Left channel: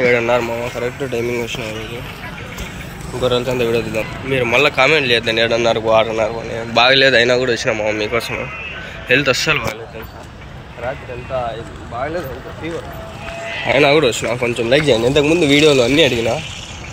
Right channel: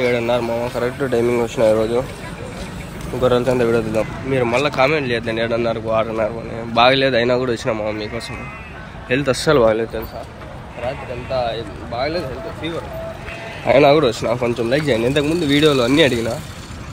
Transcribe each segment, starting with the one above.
7:30 మామ correct timing వచ్చిన ఈరోజు. గొర్రెలతో అంతా వీడియో తీద్దాం. మీరు మళ్ళీ కామెంట్ లేదండి 7:30కు 6:30 అని. బాగలేదు అయినా కూడా వచ్చినా మామ మీకోసం. హెల్త్ అస్సలు బాగలేదు తెలుసా, రాత్రి అంతా బాగలేదు, హెల్త్ ఫీవర్ అయినా కూడా వచ్చిన. కొంచెం లైక్ చేయండి. ఇంతకుముందు వీడియోలో అన్నీ అడిగినా,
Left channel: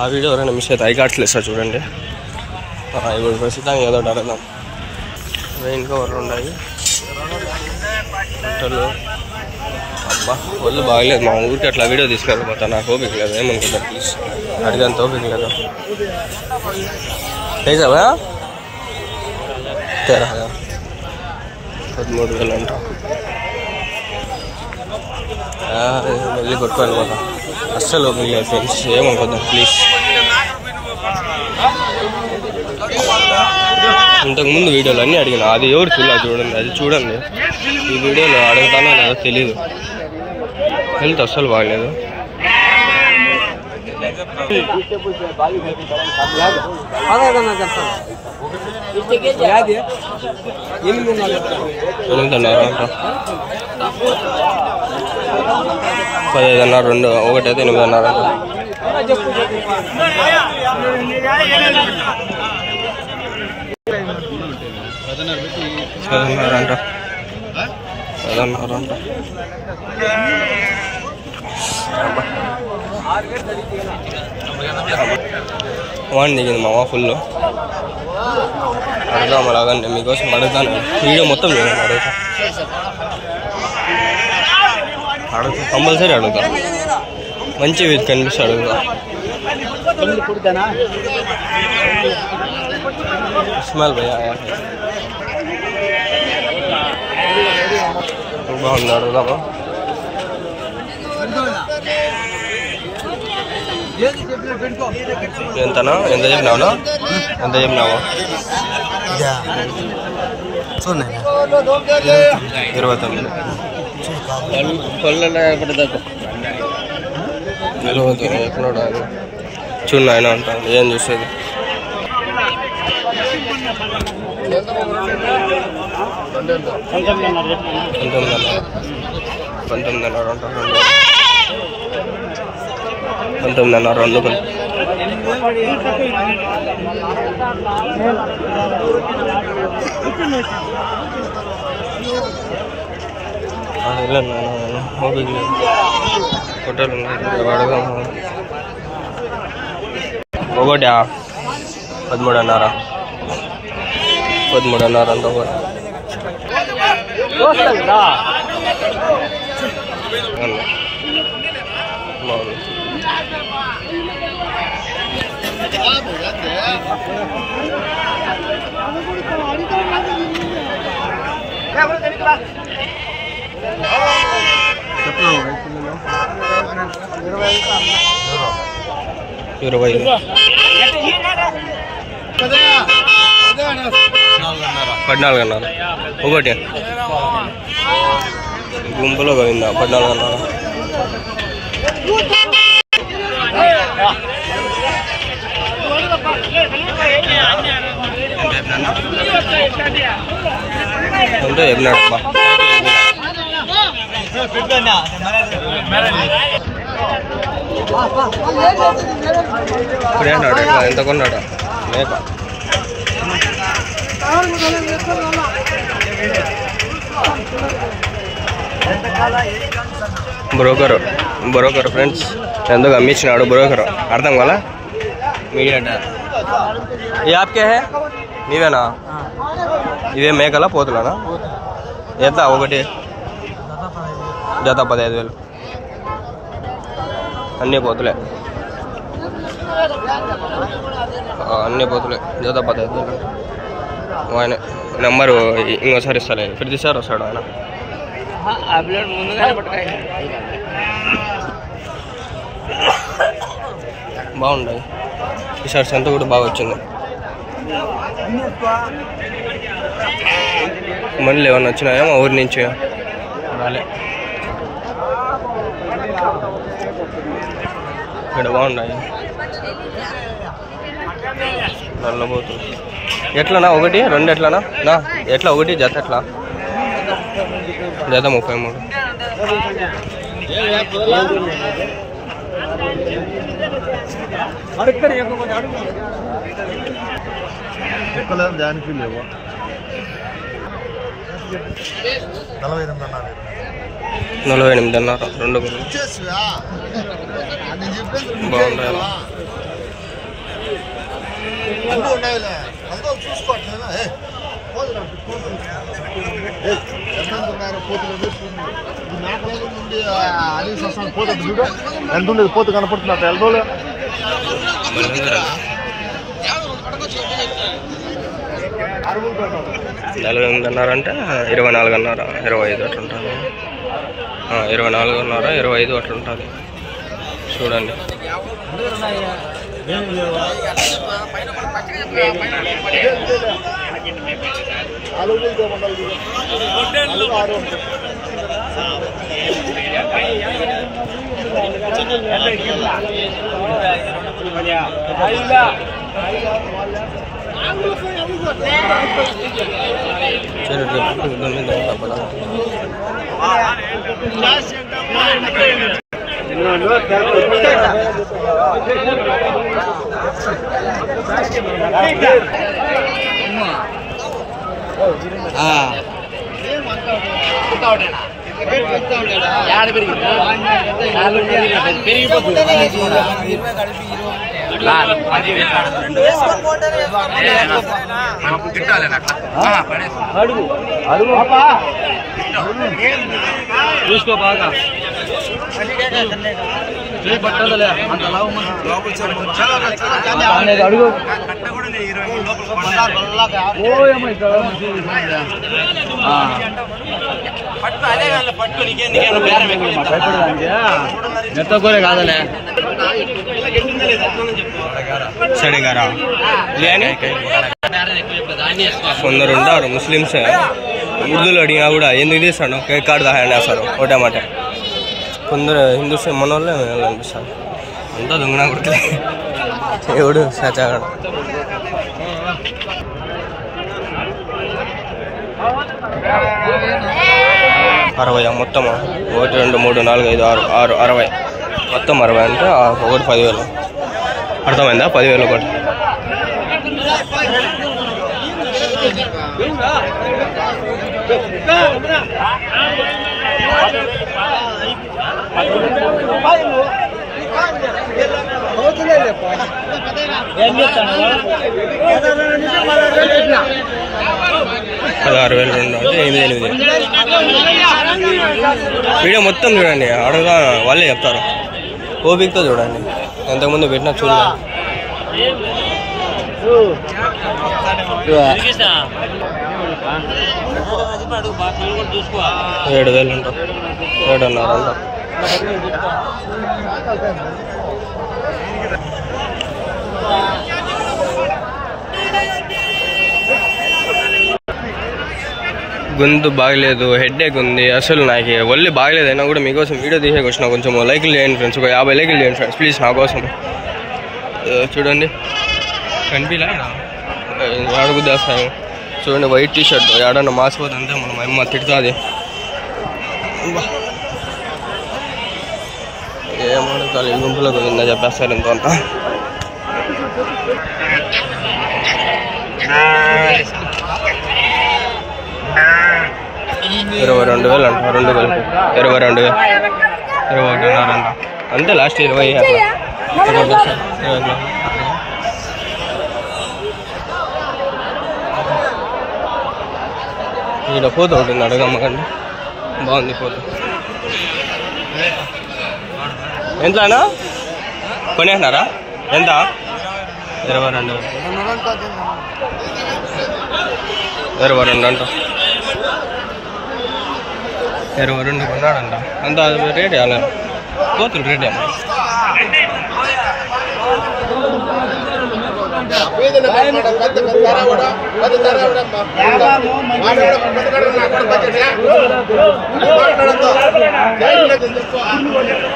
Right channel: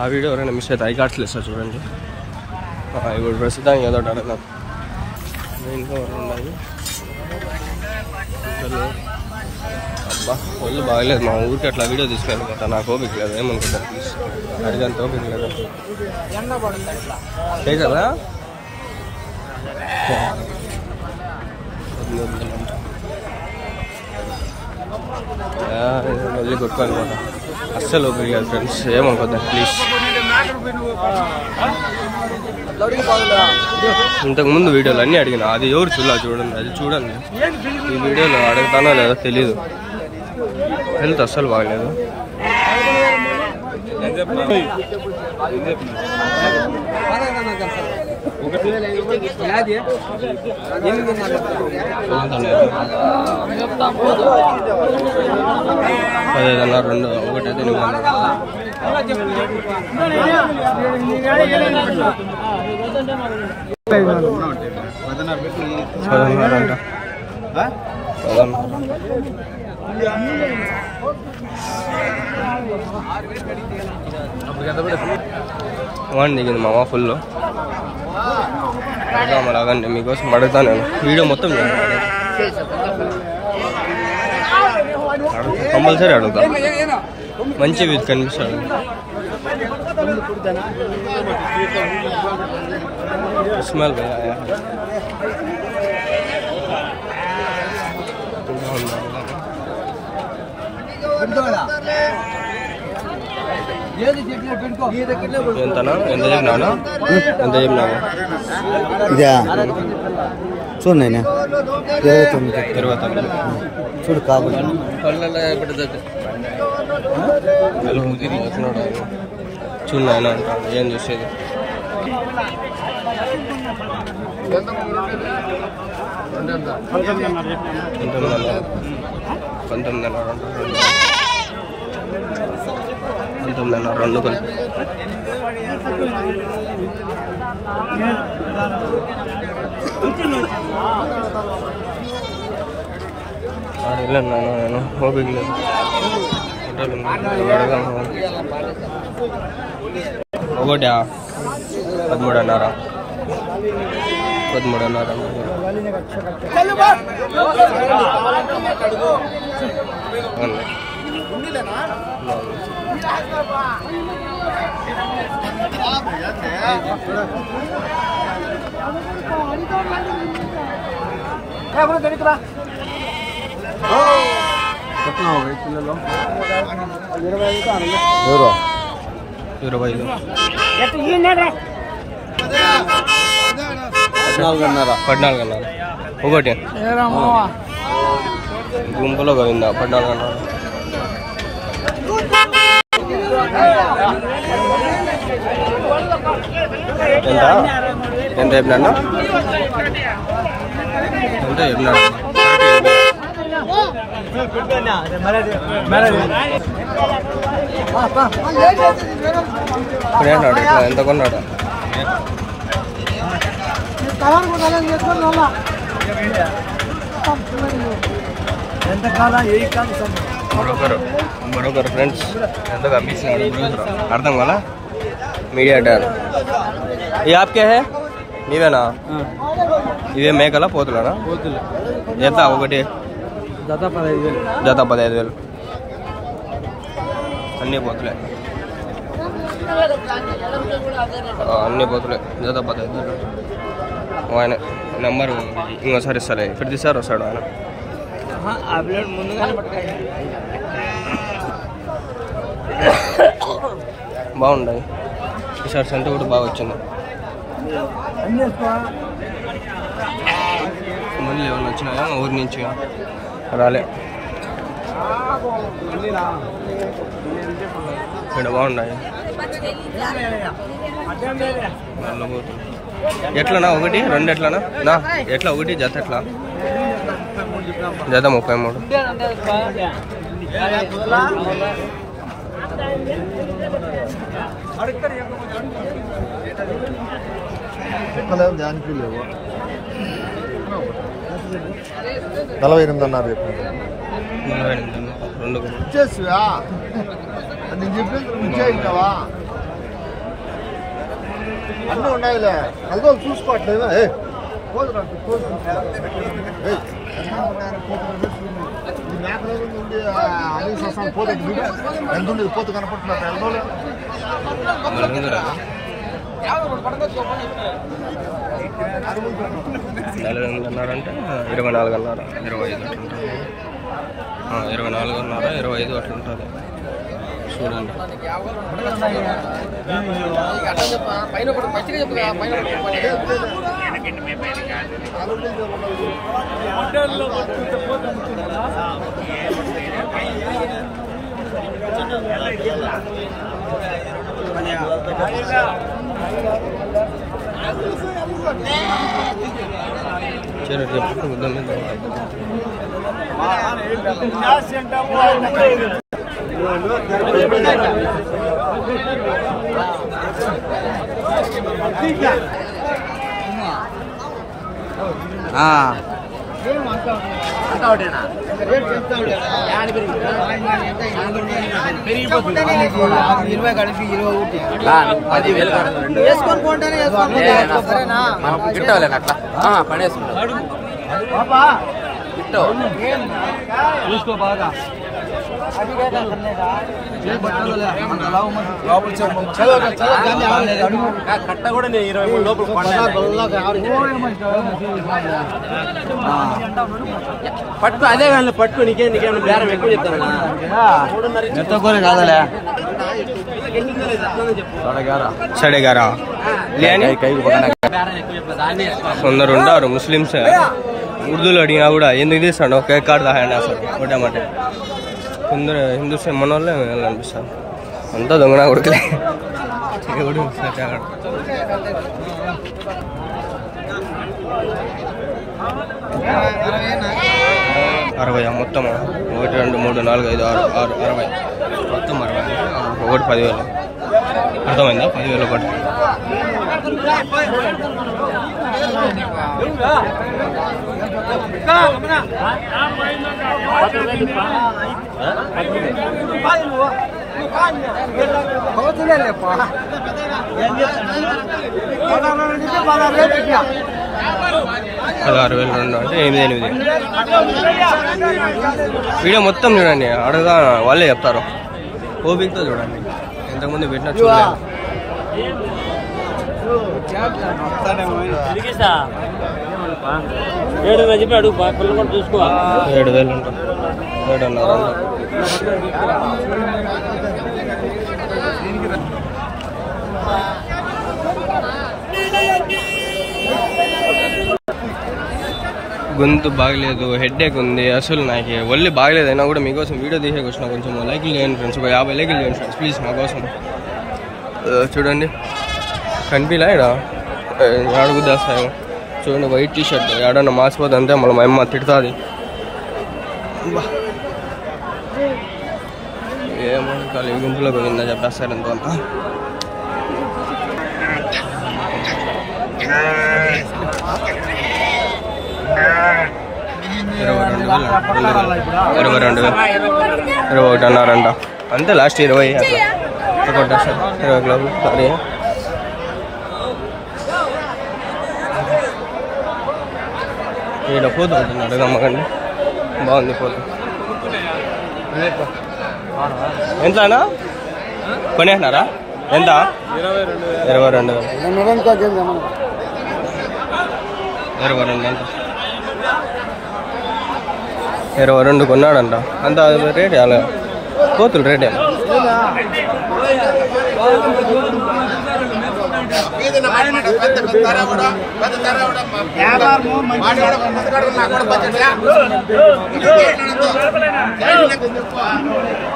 ఆ వీడియో ఎవరైనా మిస్ అయితే ఐకాట్లేదు సార్ చూడండి. ఇప్పుడు ప్రస్తుతానికి ఏదో ఒకటి అడుగుదాం. రెయిన్ కవర్లు ఉన్నాయి, బట్టలు. అబ్బా ఒళ్ళు బాగలేదు మా ఊరికి అట్లా వీడియో తీసుకెళ్ళిపోతా. నాకు ఓపిక లేదు, ఏమనుకుంటా ప్లీజ్, అడిగంత ఓపిక లేదు. వేసావా 13,000 అంట. వెళ్ళి కొట్టుకోవాలిపోతా, అస్సలు ఓపిక లేదు ఫ్రెండ్స్, ఏమనుకోద్దాం ప్లీజ్. ఇంతకుముందు వీడియోలు అన్నీ అడిగిన, అది ఎవరు చూడండి, అది చూడండి. ఈ వీడియోలో అడుగుతానో లేదో తెలీదు, హెల్త్ అస్సలు బాగలేదు. $15,500 రెండు, ఒకటైతే 8,500 అంట. 16 అంట, 16 అంట. వాడిని దిగింది మామ ఫుల్. అడుగుదాం అలాగండి, మీకోసం అడుగుతాను. వీడియో మొత్తం చేయండి, అడుగుతా కంపల్సరీ అడుగుతా. మంచి వీధి కనిపిస్తే అడుగుతా. స్మెల్ భయ్యా బాగుంది, అడుగుదామా? ఎంతనా, ఎంత చెప్పినావునా, ఎంత చెప్పినావా? ఇదా చూడండి 29 చూడు చూడు ఆయన అంటాను. ఏం చూసేది? 19,500 అంట. 19,500 రెండు కలిపి. వెళ్ళండి నేను ఓపిక లేదు, హోటల్ అడగదాం. ఒకటి 13,500 అంట ఒకటి. బాగుంది. ఇరవై 14,500 ఒకటి. గుంపులో పోయిందా 14,500? ఎంత చెప్పినాను, ఎంత చెప్పినాడు అబ్బా. ఇప్పుడు ఏమన్నాడు, ఎట్లా ఎంత కొన్నాడు మేక? బ్రోకర్ ఫ్రెండ్స్, ఎందుకు అమ్మించినాడు బ్రోకర్, అర్థం కదా? Media tan. ఈ యాప్కే హే నీవేనా? ఇవే మేకలా పోతులానా? ఎంత ఒకటి? జత 15,000. అన్నీ పోతులే, అన్నీ పోతులే. జత 15,000. ఆయన నెంబరు ఇంకోసారి ఇస్తాలే, ప్రతిసారి వస్తాడు ఆయన. బాగుంటాయి ఈ షర్ట్స్ అంతా కూడా బాగా వచ్చింది. మళ్ళీ ఏమన్నా వచ్చినాయా మా ఊరి నుంచి? రాలే. ఇక్కడ బాగున్నాయి నల్లబోతుంది. ఎట్లనా ఒకటి 2 ఎట్లనా నా ఎట్లా ఒకటి జత ఎట్లా? జత 33. కుక్కలేం దానికి లేవు 48.5 48.5 రెండు బాగుంటాయి. అన్నీ ఉన్నాయిలే అదో చూసుకోవట్లేదా పోతుంది ఇది మేకలేదు నుండి అలీస్ వస్తాను పోతుంది చూడు ఎంత ఉండేది పోతు కనపడుతున్నట్టు ఎల్లోలే 48.5 అంటే 24.5 25 అట్లా ఉంటుంది. 24.5 25 అట్లా ఉంటుంది. చూడండి చూసుకో బాగా పట్టుకో అదే కానీ పట్టుకో నీకేమో బేరం ఎక్కువ చెప్తాను కాదలే సడేగారా లేని కొందరు ఉంటారు ముస్లిమ్స్ ఉర్దూలో అడిగినా కూడా ఎందుకు తీస్తాడు కేక్ కార్డు దాహండి వేస్తారు ఒకటేమాట. కొందరు హిందూస్ మన వాళ్ళే అనిపిస్తారు. అంతా దొంగనా కొడుకులే ఎవడు సచాగాడు. అరవై మొత్తమా 1 2 3 4 5 6 6 60 మొత్తం 60 అంటే ఒకటి 10,000. అర్థమైందా? 10,000 ఒకటి. $16,200 అంటే 8,800. వీడియో మొత్తం చూడండి, అడగదా వాళ్ళే చెప్తారు. ఓపికతో చూడండి, ఎంతకుముందు పెట్టినా చూడలేదు. 7,000 అంట, 7.5 అంట. గొంతు బాగలేదు, హెడ్ఏక్ ఉంది, అసలు నాకు ఒళ్ళు బాగలేదు. అయినా కూడా మీకోసం వీడియో తీసేకి వచ్చిన. కొంచెం లైక్లు చేయండి ఫ్రెండ్స్, ఒక 50 లైక్లు చేయండి ఫ్రెండ్స్ ప్లీజ్ నా కోసం. చూడండి కనిపిలా ఇదా అడుగుద్దేస్తాయేమో. చూడండి వైట్ టీ షర్ట్ ఏడన్నా మాసిపోతే అంతే మళ్ళీ మా అమ్మ తిడుతుంది. ఏమడుగుతారు ఈ గుంపులో ఉందా చెప్పేస్తారు ఎంతో అంతా. $22,000 అంట, 2 కలిపి 22,000, 21.5 అంట అంతే. లాస్ట్ 20 అట్లా కొట్టేస్తారు. 20 గ్లాసులు అదే. ఇక్కడ పోతూ ఉంటుంది, అడగమ్మకండి. బాగుంది పోతూ. ఎంతనా కొనేసినారా? ఎంత? 22,000. 22 అంట. 22 కొన్నాడంట. అంత రేట్ అలా కోతులు రేట్ ఏమో.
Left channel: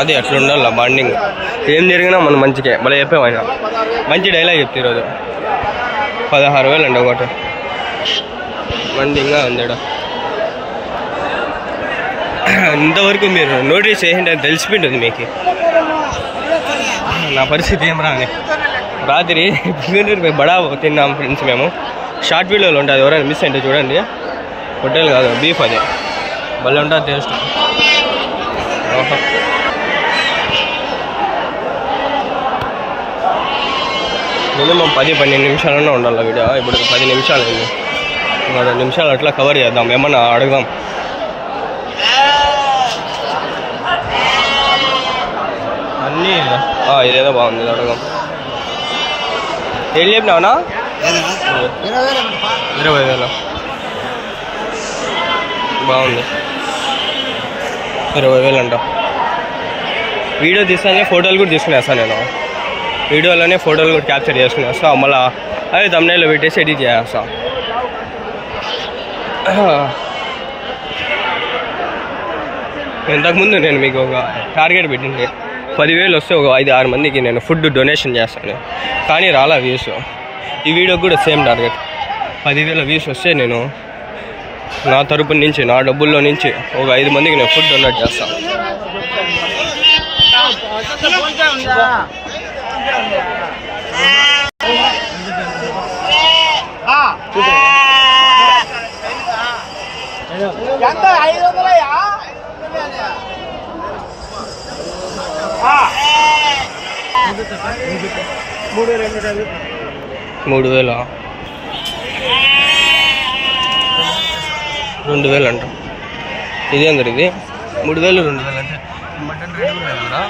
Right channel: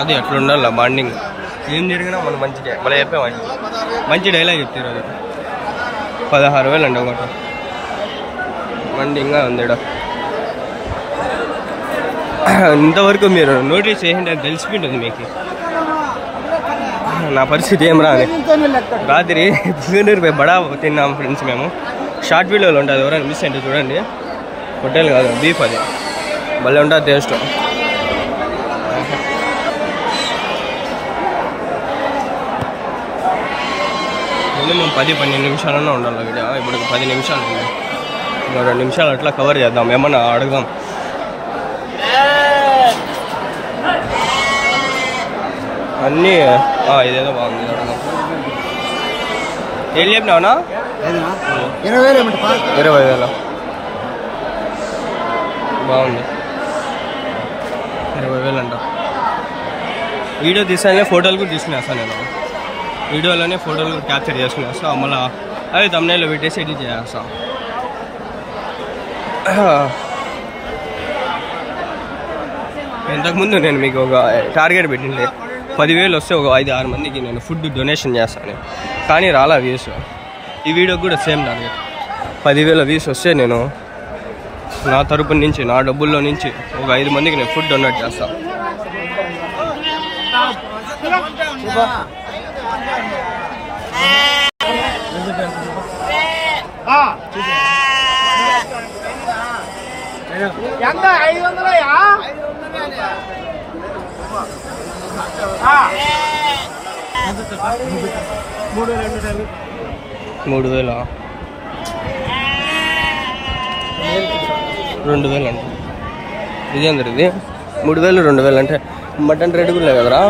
అది అట్లా ఉండాలి బాండింగ్. ఏం జరిగినా మనం మంచిగా మళ్ళీ చెప్పామైనా మంచి డైలాగ్ చెప్తే ఈరోజు. 16,000 అండి ఒకటి. మండింగ్గా ఉంది. ఇంతవరకు మీరు నోటీస్ చేసింటే తెలిసిపోయింటుంది మీకు. నా పరిస్థితి ఏం రాదు. రాత్రి పుంగనూరు బడా తిన్నాం ఫ్రెండ్స్ మేము. షార్ట్ వీడియోలో ఉంటుంది, ఎవరైనా మిస్ అంటే చూడండి. హోటల్ కాదు, బీఫ్ అది భలే ఉంటుంది టేస్ట్. మినిమం 10-12 నిమిషాలన్నా ఉండాలి వీడియో. ఇప్పుడు 10 నిమిషాలు అయింది. 2 నిమిషాలు అట్లా కవర్ చేద్దాం, ఏమన్నా అడుగుదాం. అన్నీ ఇదేదో బాగుంది, అడుగుదాం. ఏం చెప్పినావునా? 20,000 బాగుంది. 20,000 అంట. వీడియో తీసానే ఫోటోలు కూడా తీసుకునేస్తాను నేను. వీడియోలోనే ఫోటోలు కూడా క్యాప్చర్ చేసుకునేస్తా, మళ్ళీ అవి thumbnail పెట్టేసి ఎడిట్ చేస్తా. ఇంతకుముందు నేను మీకు ఒక టార్గెట్ పెట్టిండే 10,000 వస్తే ఒక 5-6 మందికి నేను ఫుడ్ డొనేషన్ చేస్తాను, కానీ రాలా వ్యూస్. ఈ వీడియోకి కూడా సేమ్ టార్గెట్. 10,000 వ్యూస్ వస్తే నేను నా తరపు నుంచి, నా డబ్బుల్లో నుంచి ఒక 5 మందికి నేను ఫుడ్ డొనేట్ చేస్తాను. ఎంత 500 3,000 2,000 అంట. ఇదేందరు ఇది 3,000 2,000 అంటే మటన్ రేటు కూడా లేదు కదరా.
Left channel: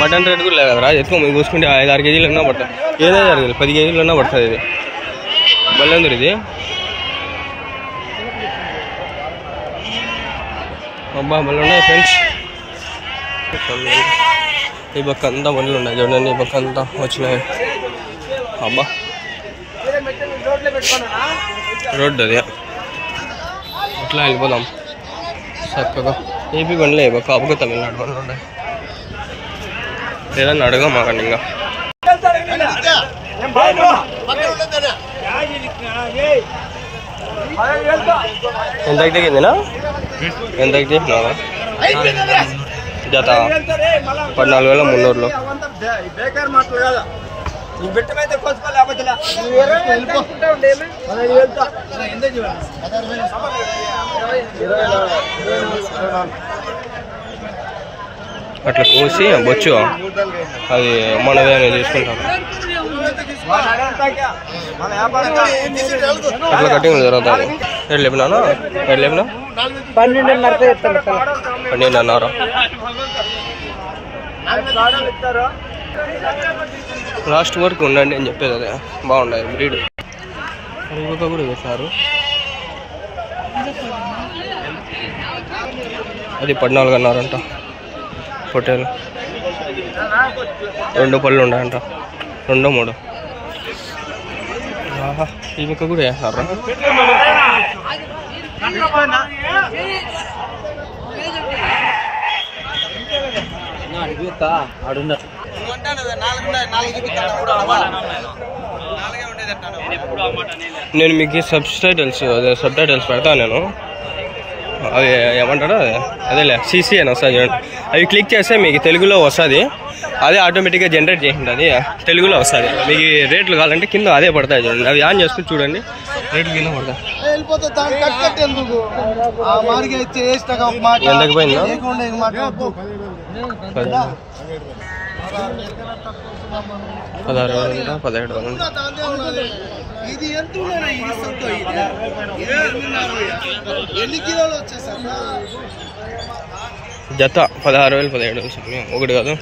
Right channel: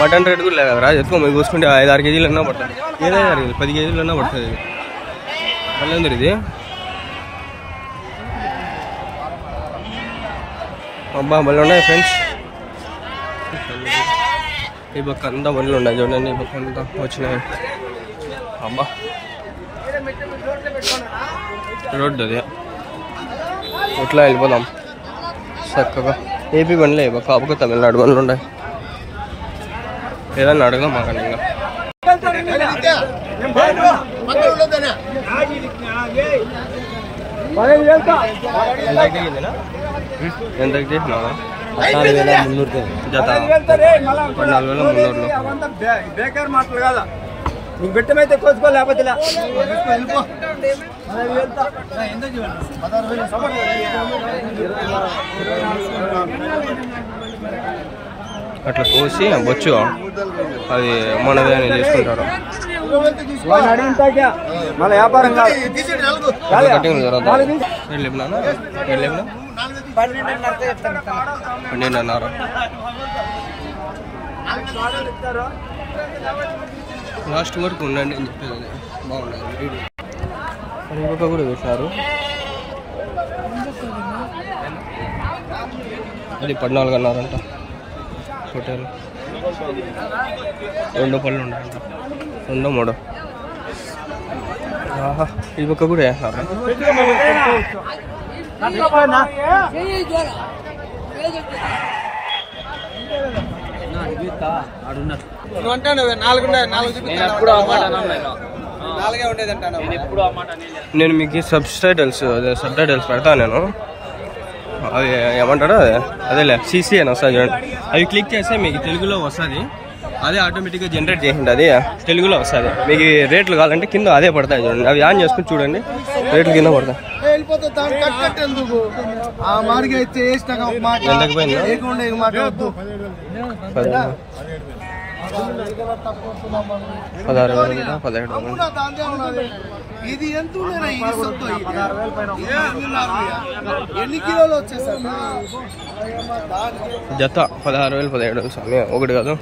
మటన్ రేటు కూడా లేదు కదరా. ఎక్కువ మీరు చూసుకుంటే 5-6 కేజీలు అన్నా పడుతుంది. ఏదైనా జరిగింది 10 కేజీలు అన్నా పడుతుంది. ఇది మళ్ళీ అందరు ఇది అబ్బా మళ్ళీ ఉన్నాయి ఫ్రెండ్స్. ఈ పక్క అంతా బండ్లు ఉన్నాయి చూడండి, ఈ పక్క అంతా వచ్చినాయి. అబ్బా రోడ్డు అది, ఎట్లా వెళ్ళిపోదాం చక్కగా. ఏపీ బండ్లే ఈ పక్క, ఆ పక్క తమిళనాడు బండ్లు ఉన్నాయి. ఏదన్నా అడగం మాకండి. ఇంకా ఎంతకి దిగిందినా? ఎంతకి దిగినా? 14,300 జత 14,300లో. అట్లా కోసి బొచ్చు అది మనదే అని తీసుకుంటారు. అట్లా కటింగ్ జరుగుతాయి. ఎట్లా లేపినా? 12,500. లాస్ట్ వరకు ఉండండి అని చెప్పేది. అదే బాగుండదు బ్రీడ్. ఇంకొక కూడా పెట్టారు, అది 14,500 అంట. పొట్టేలు 2 పళ్ళు ఉన్నాయంట, 2-3. ఆహా, ఈ పక్క కూడా వేస్తారా? నేను మీకు సబ్ టైటిల్స్ పెడతాను నేను. అవి ఏమంటారు అదేలే సిసి అని వస్తుంది చూడండి. అవి క్లిక్ చేస్తే మీకు తెలుగులో వస్తుంది. అదే ఆటోమేటిక్గా జనరేట్ చేసింది, అది తెలుగులో వస్తుంది. మీకు రేట్లు కావాలంటే కింద అదే పడతాయి చూడండి. అవి ఆన్ చేసుకుని చూడండి, రేట్లు కింద పడతాయి. ఎంతకు పోయిందా? 16,000 17,000. జత 16,000 17,000 స్వామి. ఒకటి కాదు.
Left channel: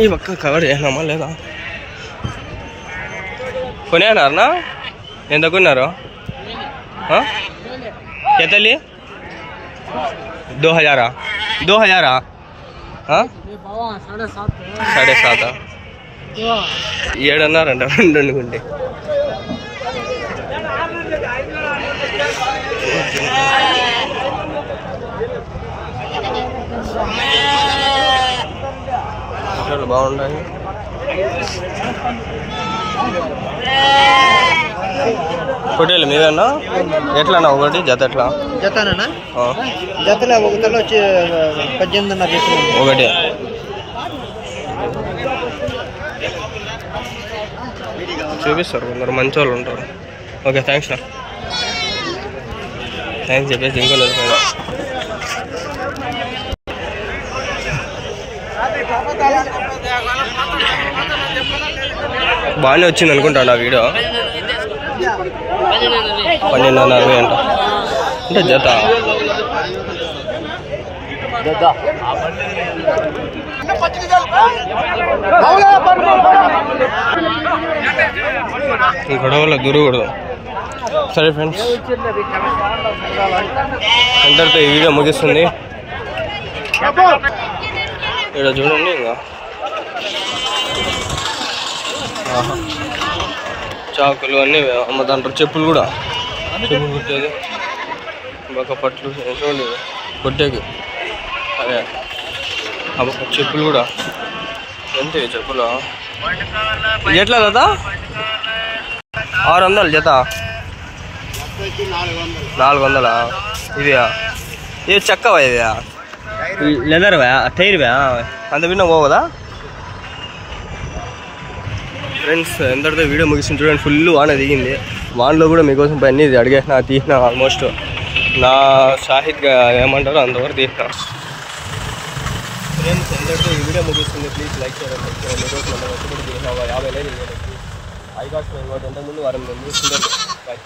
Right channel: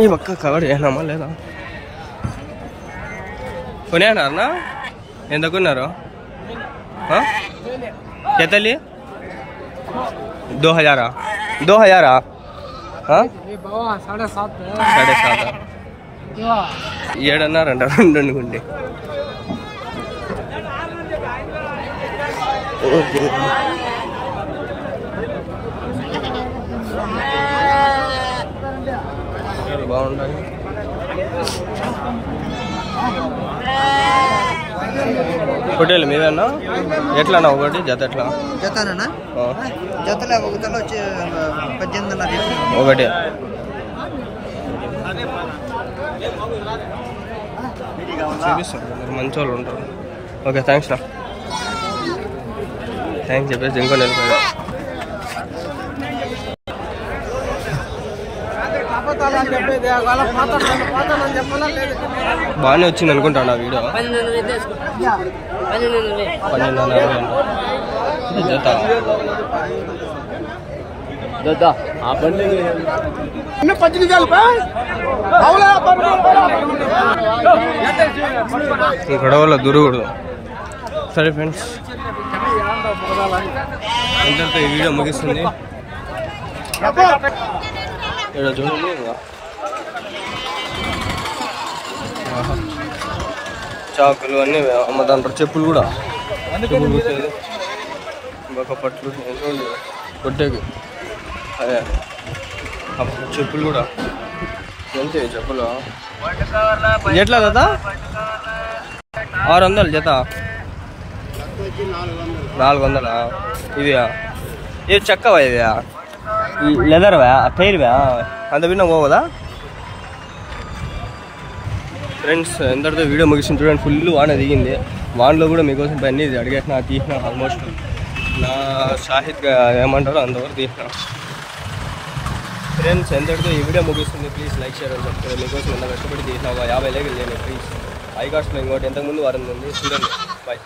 ఈ పక్క కవర్ చేసినామా లేదా? కొనేనారనా? ఎంత కొన్నారు? కేతలి 2,000 7,500 7,500 2 అనుకుంటే. బాగుంటాయి. పొట్టేలు మీవేనా? ఎట్లా ఒకటి జత? ఎట్లా జతనా? జతలో ఒకటిలో వచ్చి 18,500 ఒకటి. చూపిస్తారు కొందరు మంచి వాళ్ళు ఉంటారు. ఓకే థ్యాంక్స్ నా. థ్యాంక్స్ చెప్పేసి ఇంకో నిలిపోయా. బాగానే వచ్చింది అనుకుంటాను ఆ వీడియో. 12.60 అంట అంటే జత. ఈ గొడవలో దూరకూడదు. సరే ఫ్రెండ్స్, ఎంతటితో ఈ వీడియో ముగిస్తుంది. ఇక్కడ చూడండి ఇంకా చాకులు అన్నీ అమ్మదంటారు. చెప్పులు కూడా, చెప్పులు కుట్టేది, ఒక పట్లు చూడండి కొట్టేకి. అదే చెప్పులు కూడా ఎంత చెప్పులు ఎట్లా కదా 600 జత, 400. ఇవియా ఇవి చెక్కవా? ఇవియా లెదర్వా? టైర్వా? అంత విన్నా పోదా ఫ్రెండ్స్? ఎంతటితో వీడియో ముగిస్తుంది చూడండి. ఫుల్ వాన దిగింది. వానలో కూడా మీకోసం పని అడిగేసిన తీసిన. ఆల్మోస్ట్ నా షాహిద్గా ఏమంటారో అంతవరకు తీసిన. ఫ్రెండ్స్ ఎంతటితో ఈ వీడియో ముగిస్తుంది. ప్లీజ్ లైక్ చేయడం సబ్స్క్రైబ్. మీకోసం ఎంత కష్టపడి తీసిన 50 లేఖలు నేను ప్లీజ్. ఐకాస్ట్లో ఇంకోటి ఇంతకుముందు వారం ఉంది చూడండి. బాయ్.